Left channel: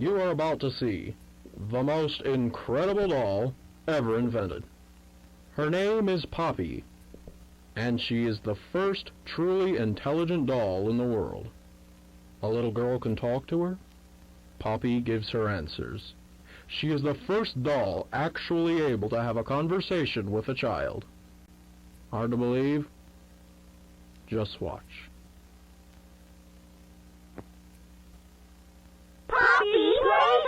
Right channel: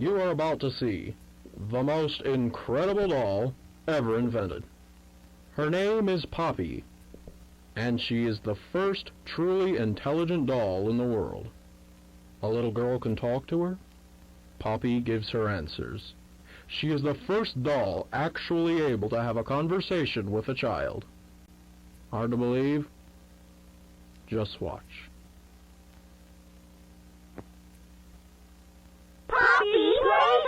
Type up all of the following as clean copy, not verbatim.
You are about to see the most incredible doll ever invented. Her name is Poppy, and she is the first truly intelligent doll in the world. A little girl can talk to her. Poppy gives her answers. She is the first doll actually able to have a conversation with a child. Hard to believe? Just watch. Poppy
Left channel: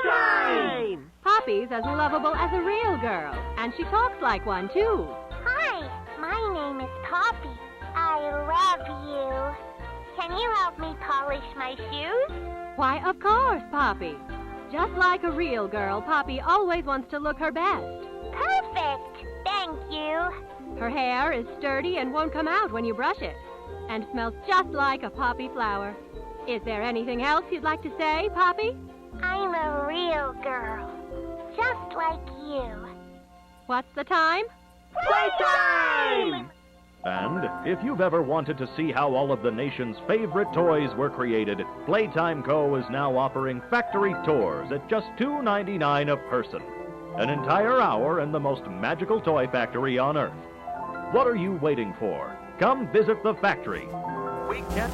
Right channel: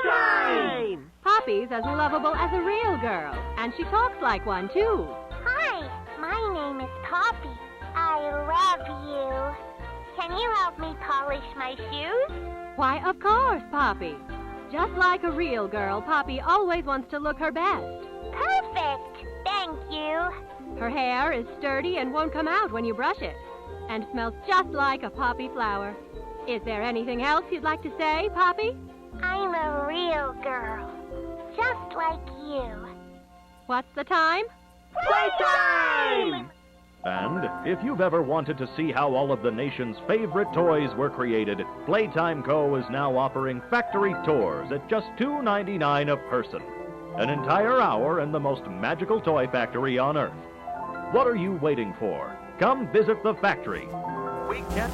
Playtime! Poppy's as lovable as a real girl, and she talks like one, too. Hi, my name is Poppy. I love you. Can you help me polish my shoes? Why, of course, Poppy. Just like a real girl, Poppy always wants to look her best. Perfect. Thank you. Her hair is sturdy and won't come out when you brush it, and smells just like a poppy flower. Is there anything else you'd like to say, Poppy? I'm a real girl, just like you. What's the time? Playtime! And if you've ever wanted to see how all of the nation's favorite toys were created, Playtime Co. is now offering factory tours at just $2.99 a person. An entire hour in the most magical toy factory on Earth. What are you waiting for? Come visit the factory. We can't...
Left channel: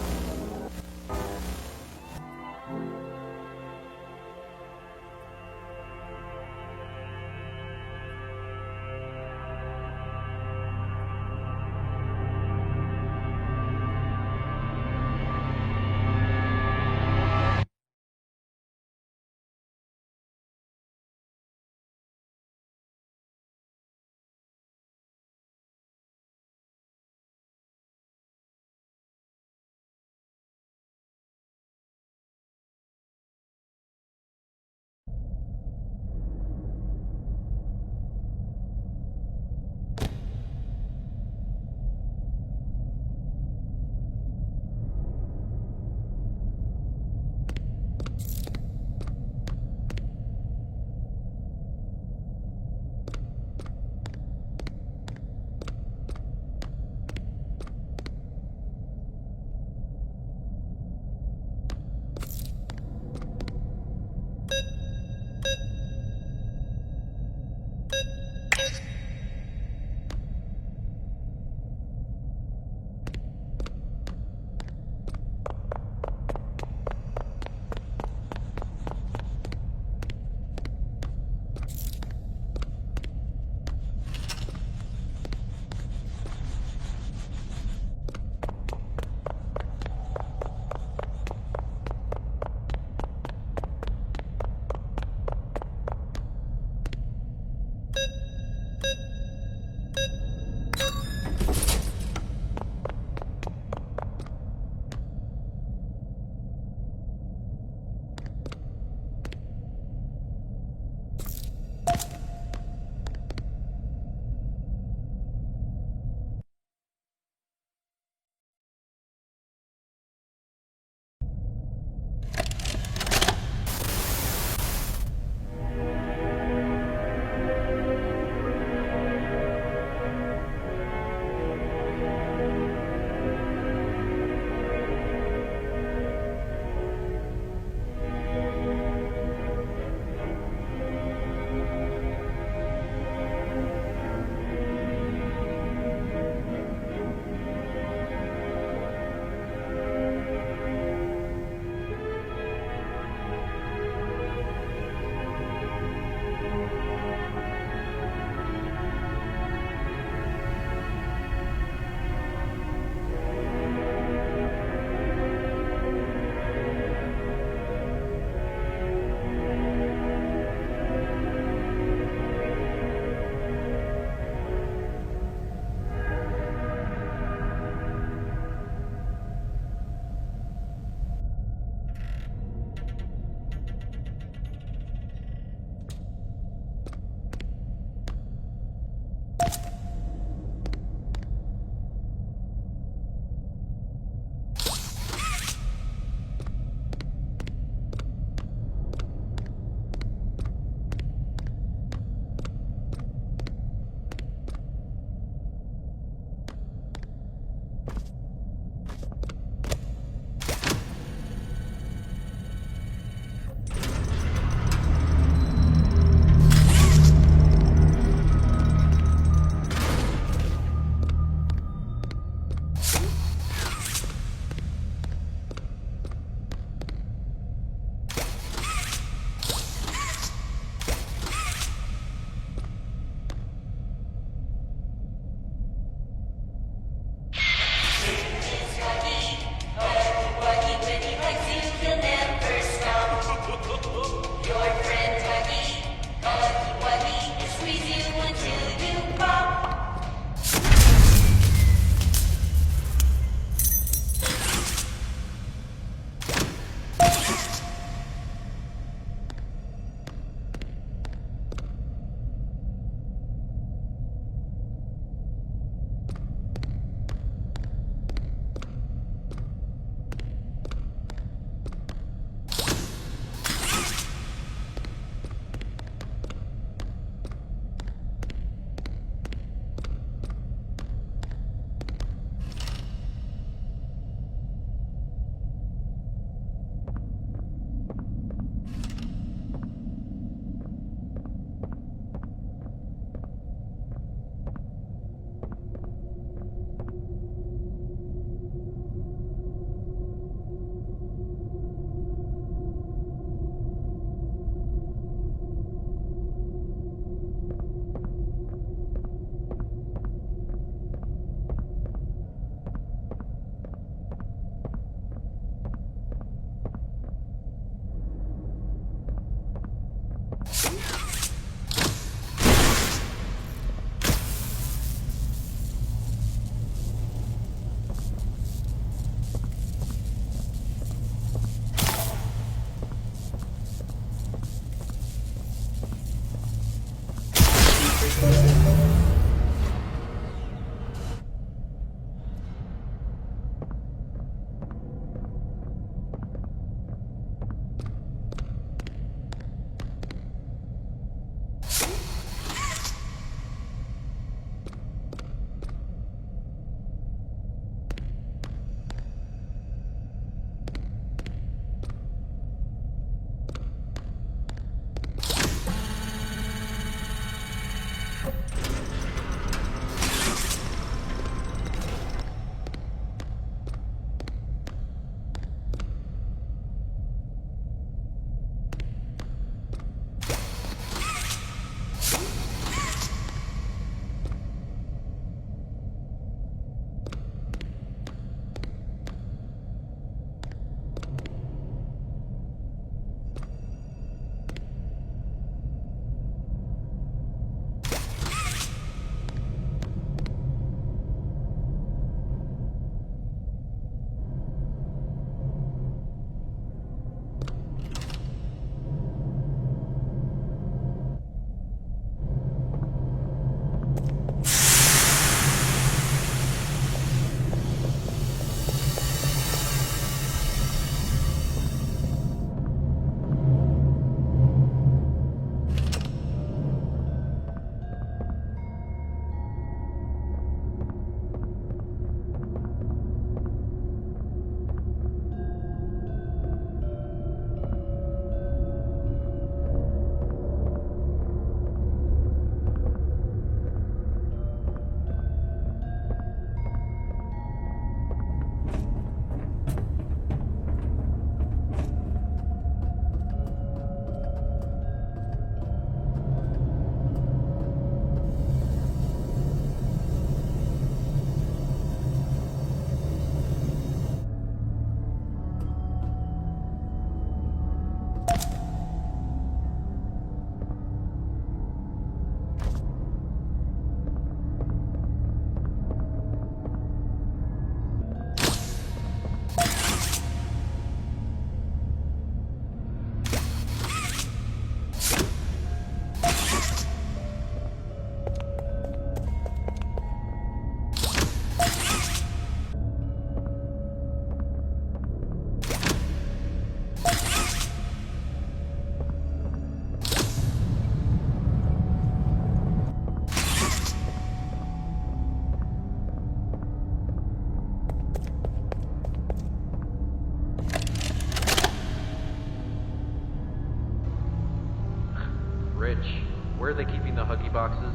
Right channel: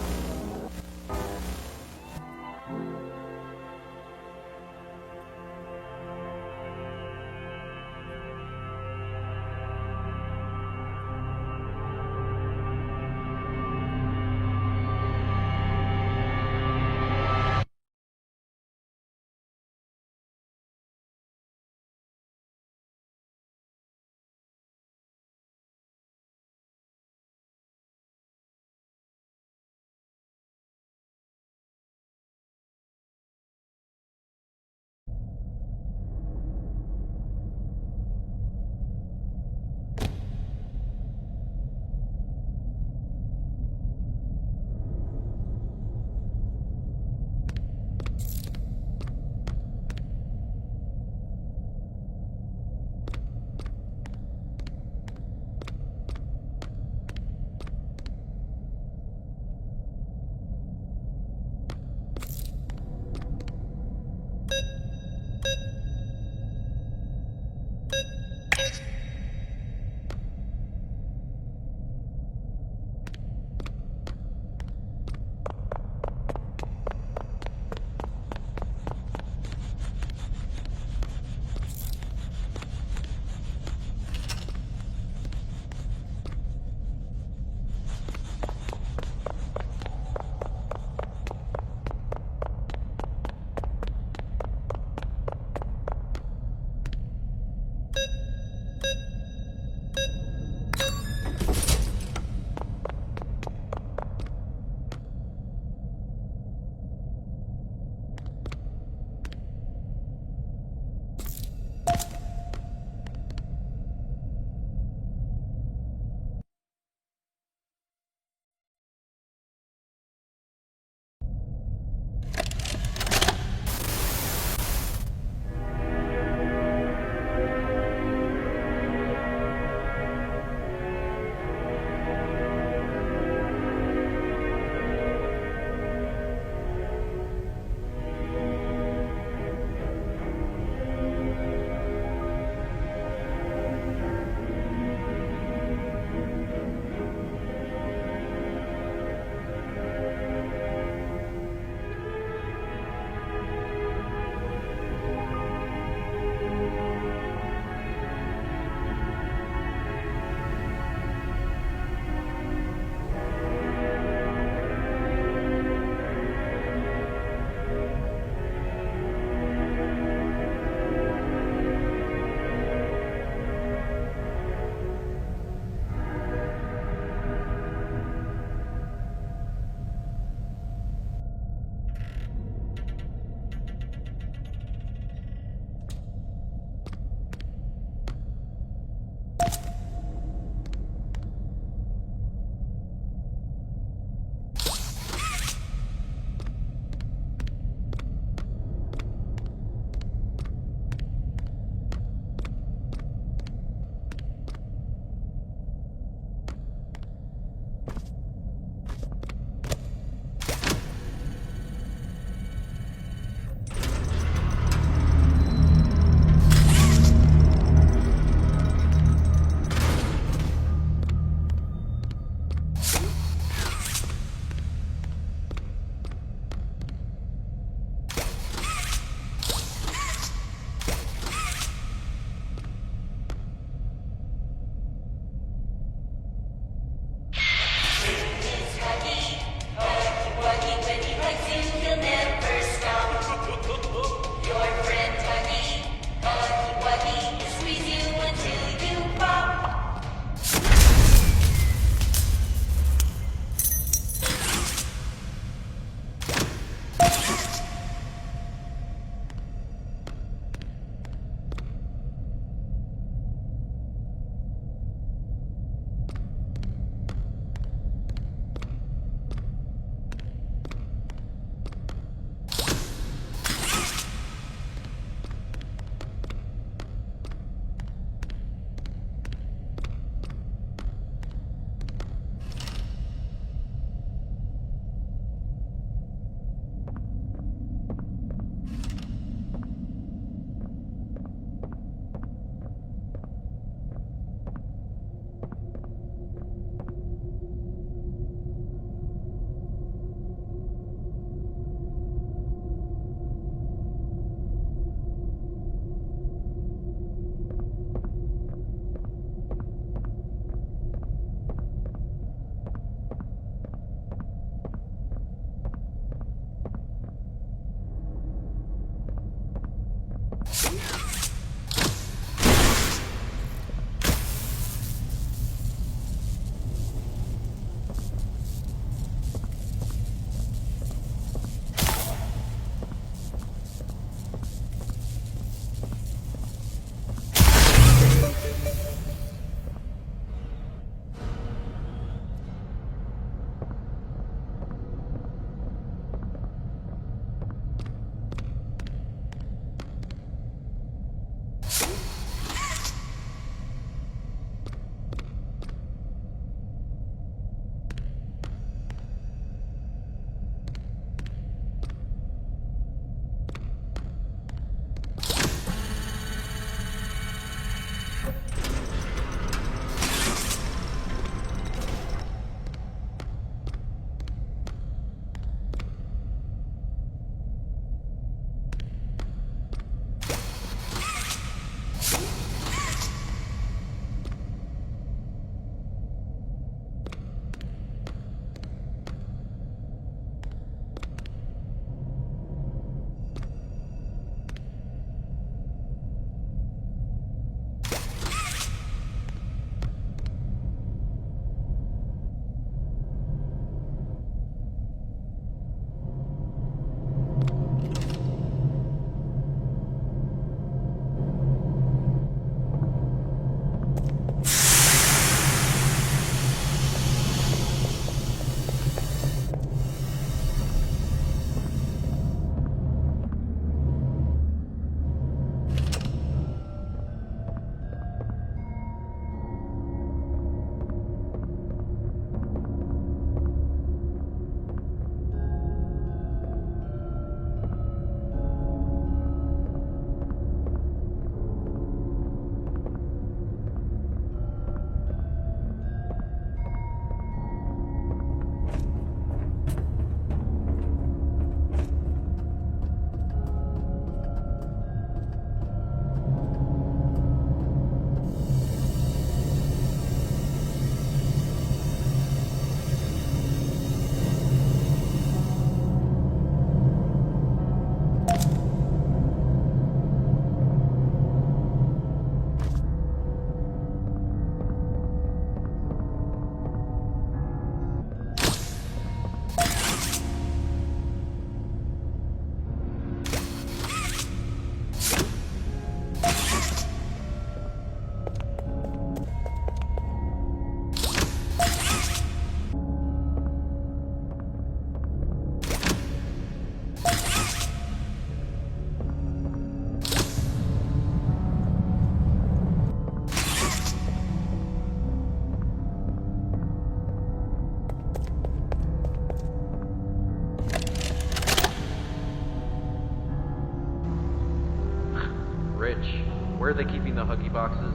Where are they keeping the Huggy boxes?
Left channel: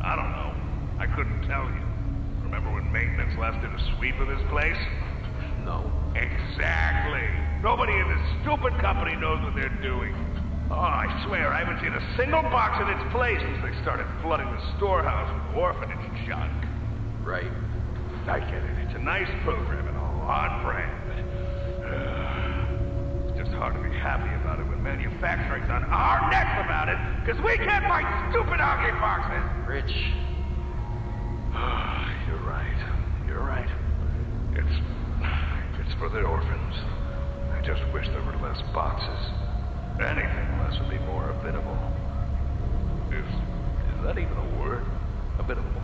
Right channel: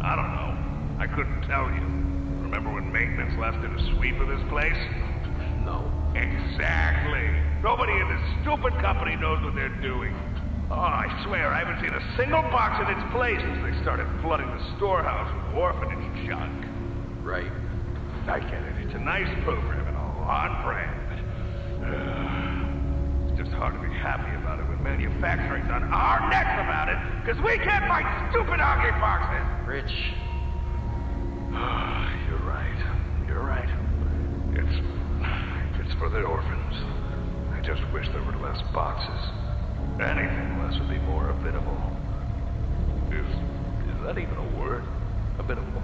I don't know. I couldn't tell you. Remember when maintenance last did a sweep of this place? No. Exactly. Nobody in this stupid company knows what they're doing. Oh, I swear, I haven't seen a single box in its place since they started flooding the storehouse with orphanage junk. Right. I get it. It's a nice program and all on brand, but it's just hard to be happy about it when manufacturing's on our necks about it, because we can't find stupid Huggy boxes. Rich. You're right. You're right. It's for the orphans. I just wish there were less boxes. Anything less would be more habitable. Is that even a word? Habitable?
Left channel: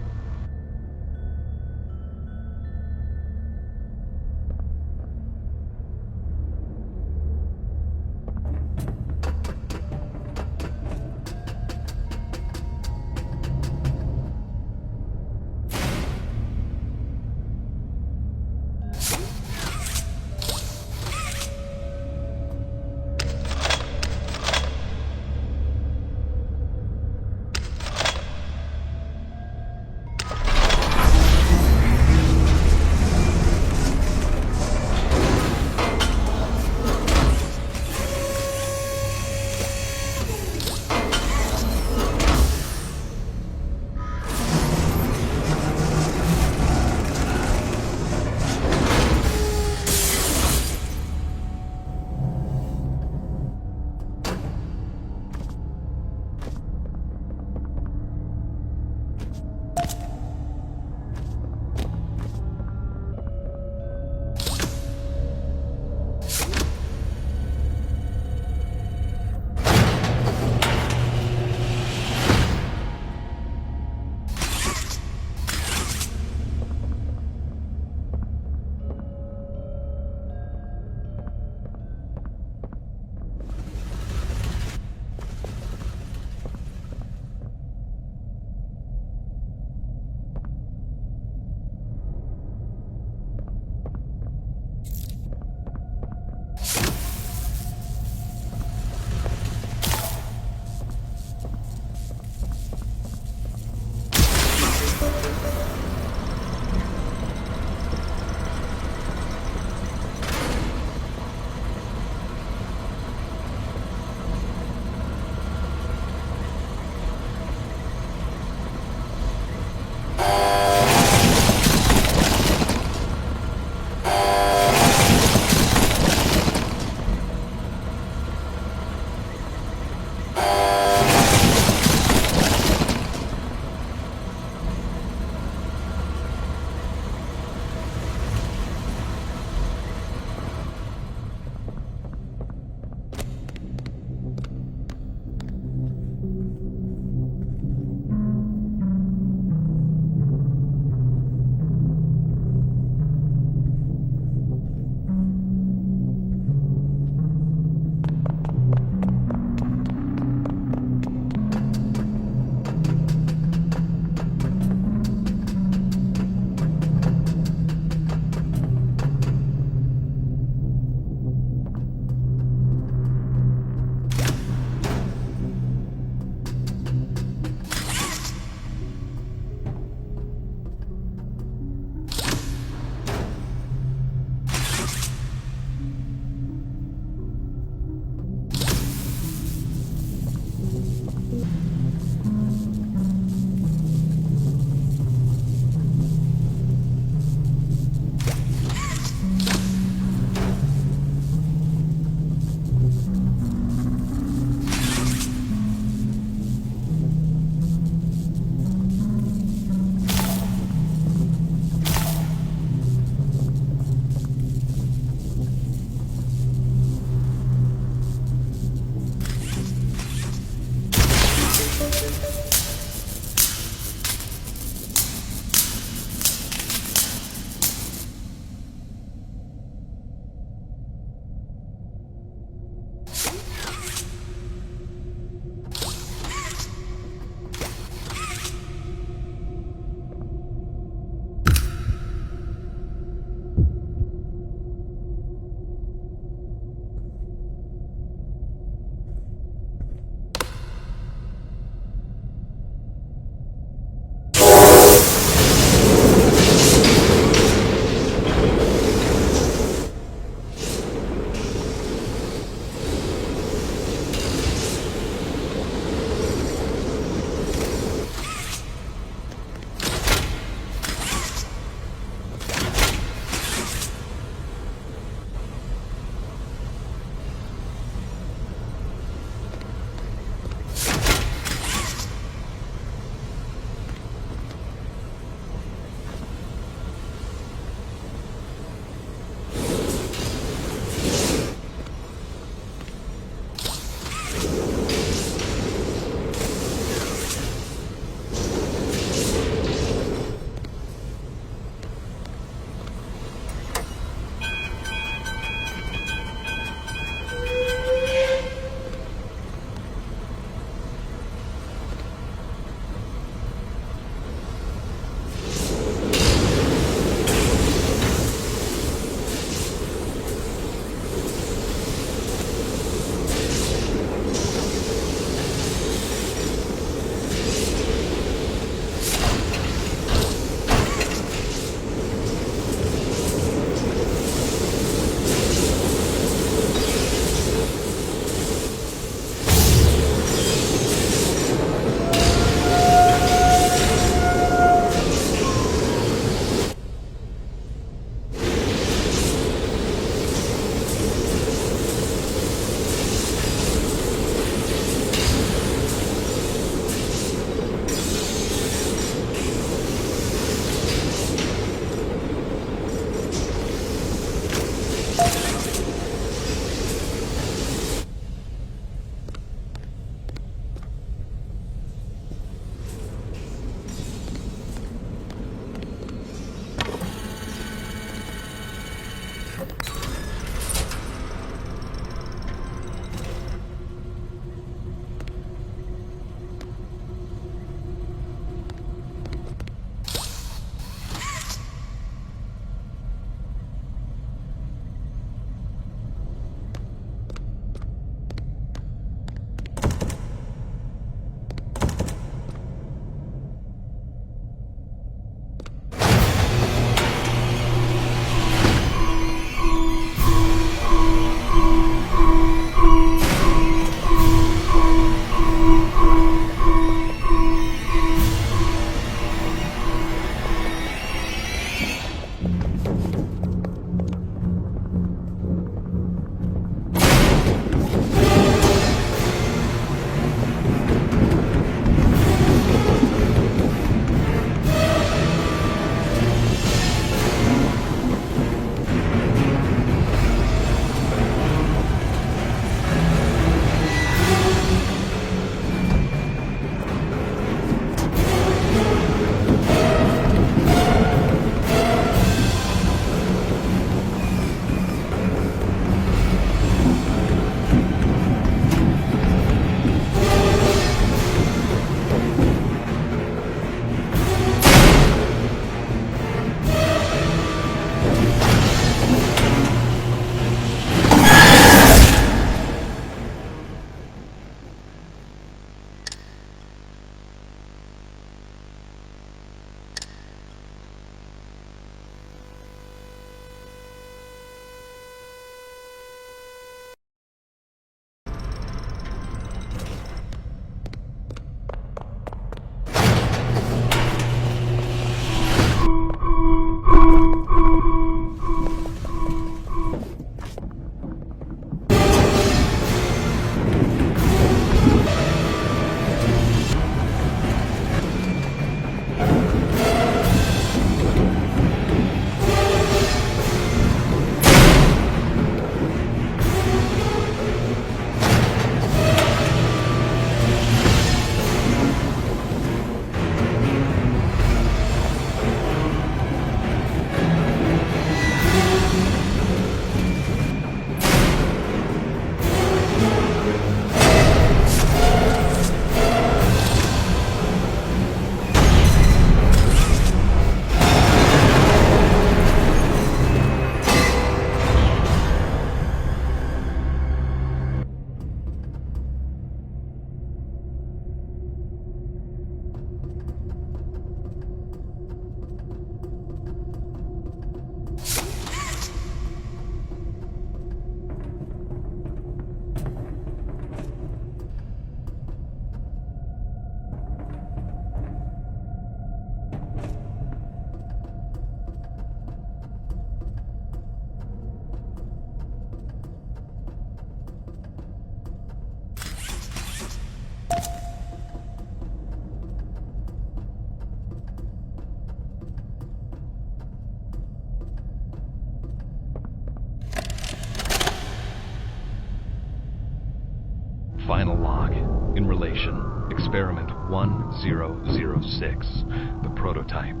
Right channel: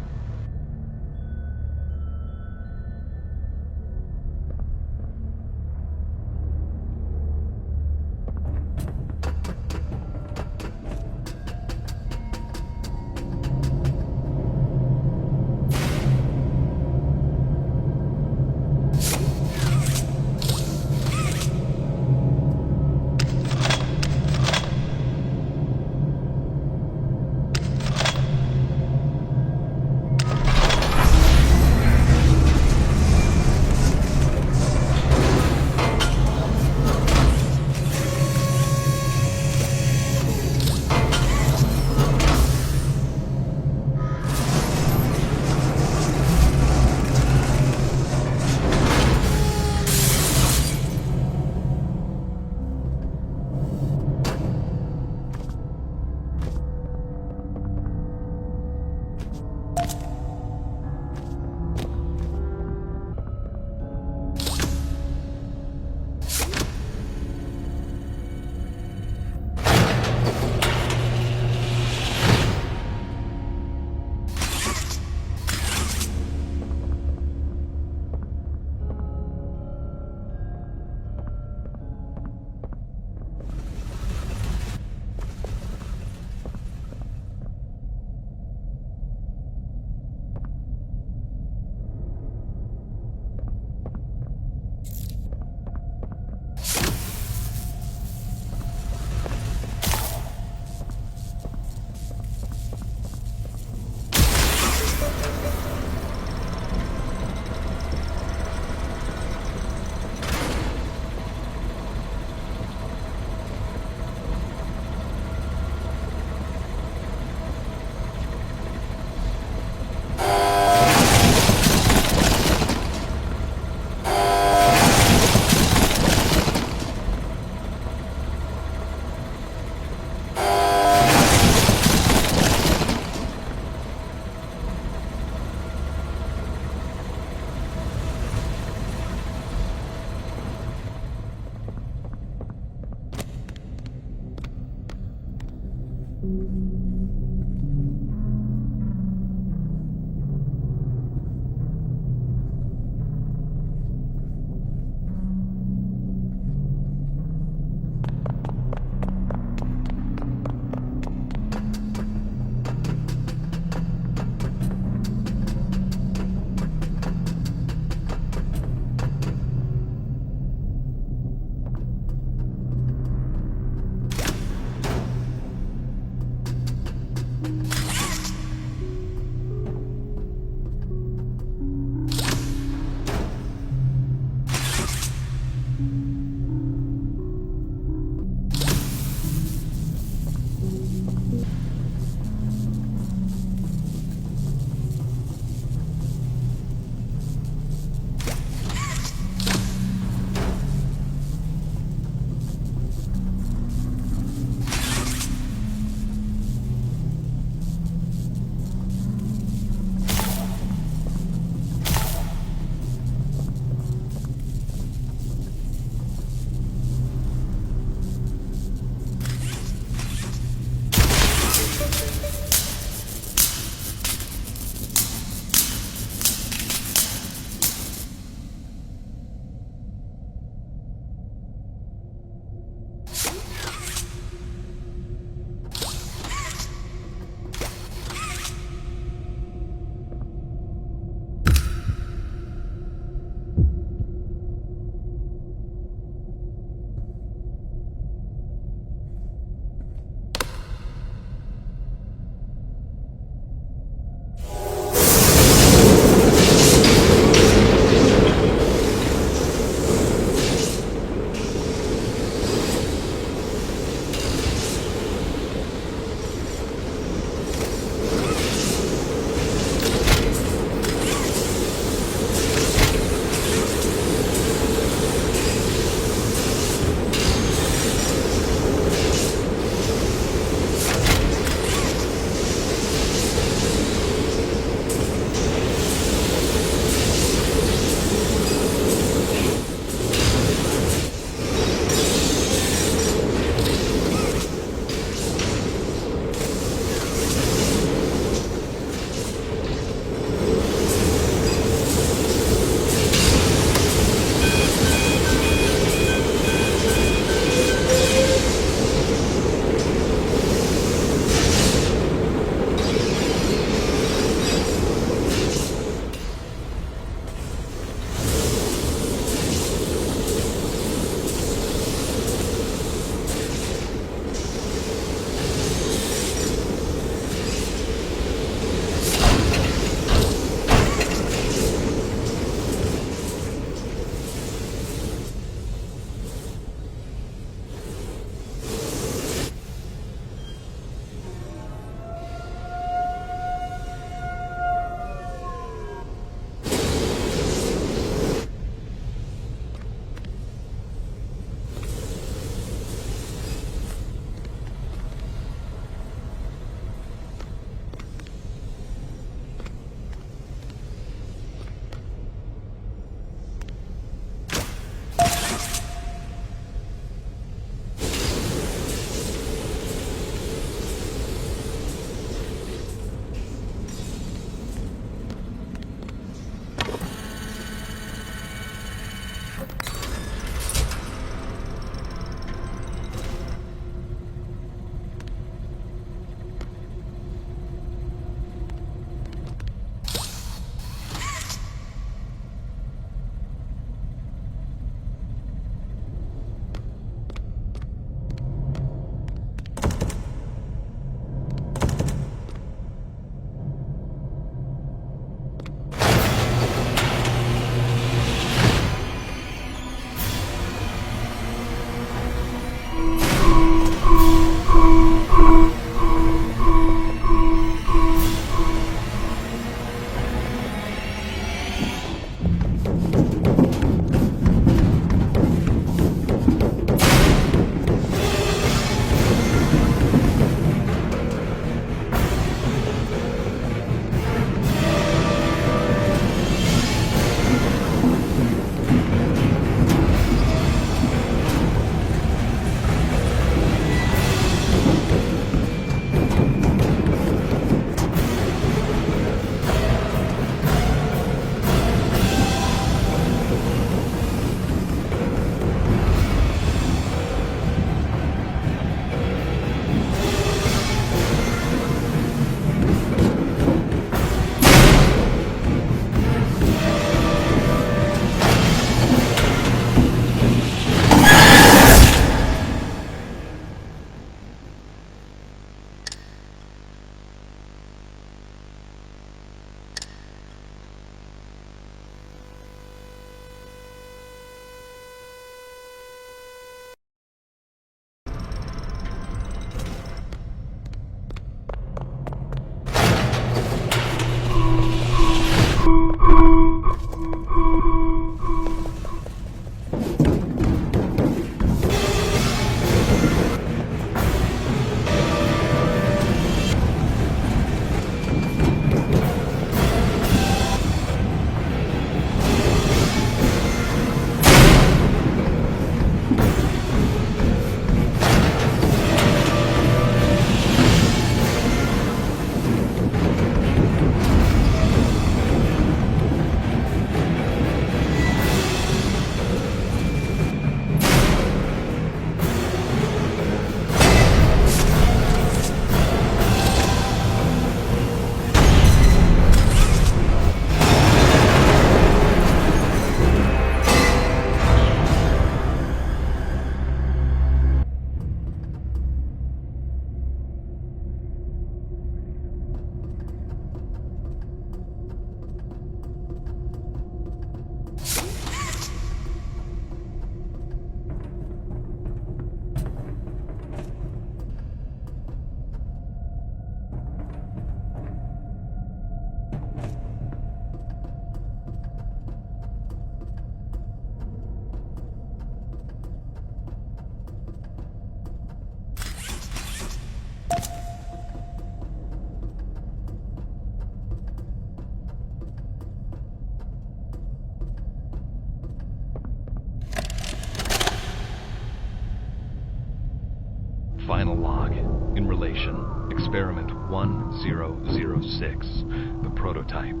Experiment 1006, the prototype.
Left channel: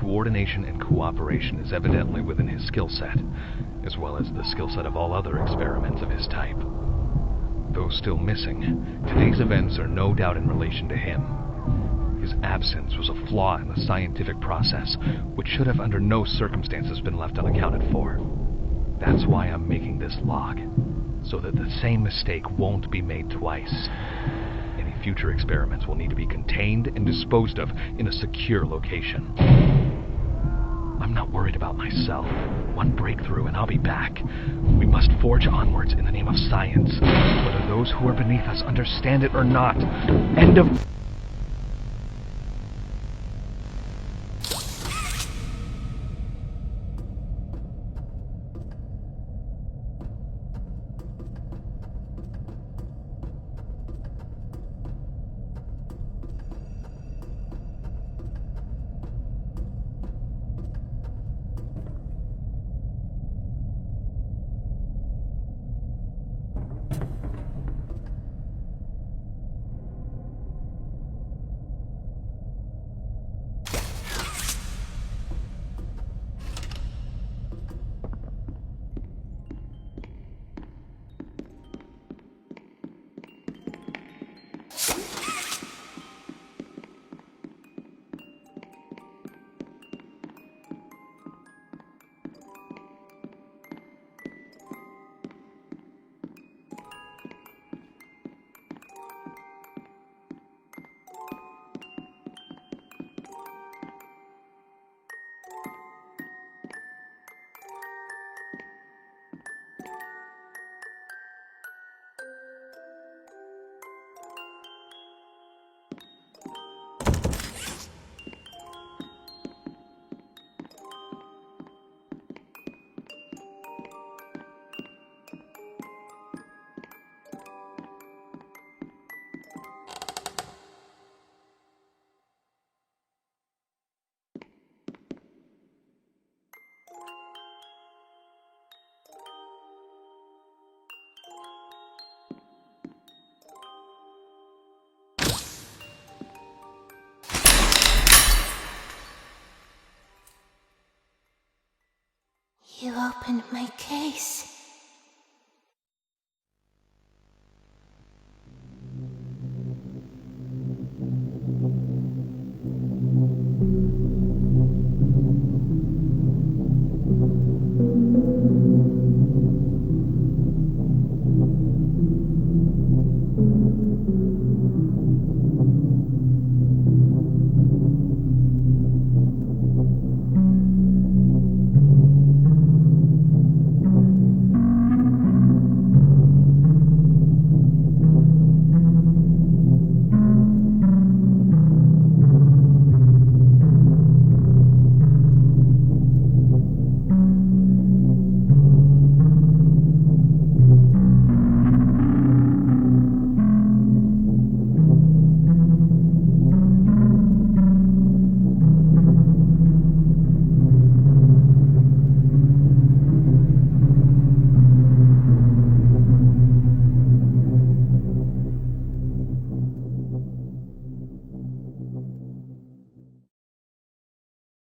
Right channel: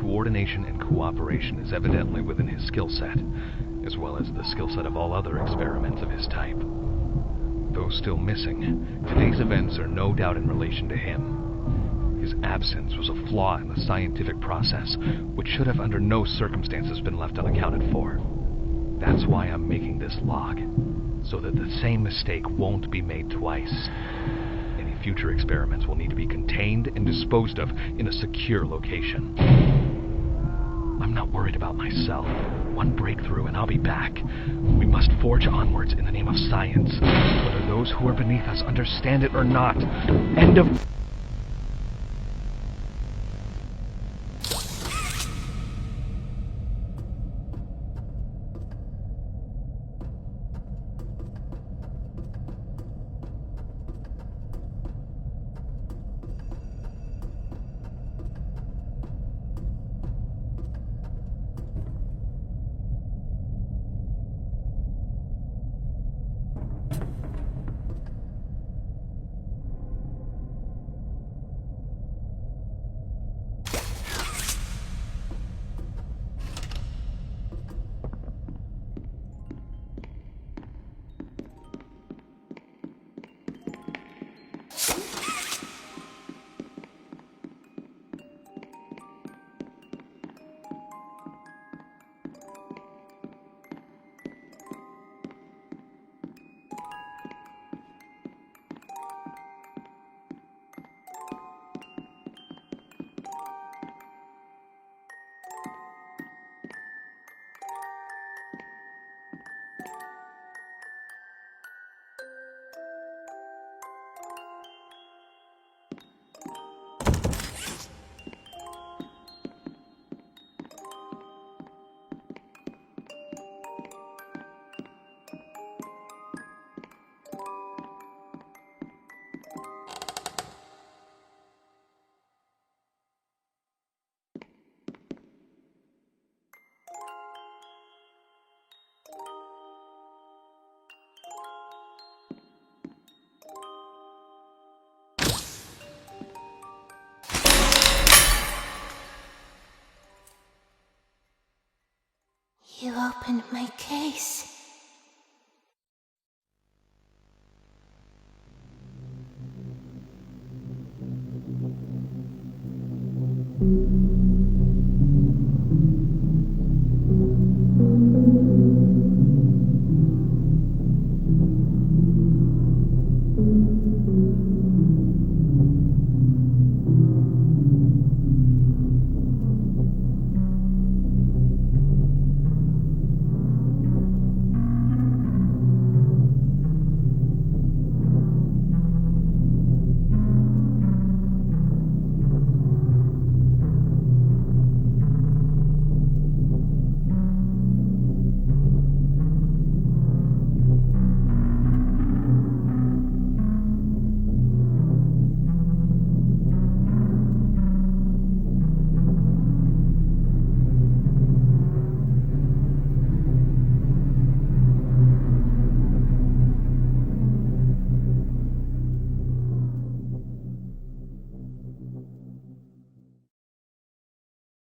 Coordination and cooperation is evidently within his skill set, as well as the skill set of all other experiments of his type. Though still missing, today's events are no doubt in relation to him. His absence was a flaw in the scientific process, which should have under no circumstances been left unaccounted for. That's why I'm making this log, so that the same mistake won't be made twice. Any future experiments will need to be contained and disposed of in a secure location. I'm not worried about myself. One breakthrough and I'll be back. We must forge onwards in the name of science, whether those who are beneath us understand it or not. End of... You opened my case.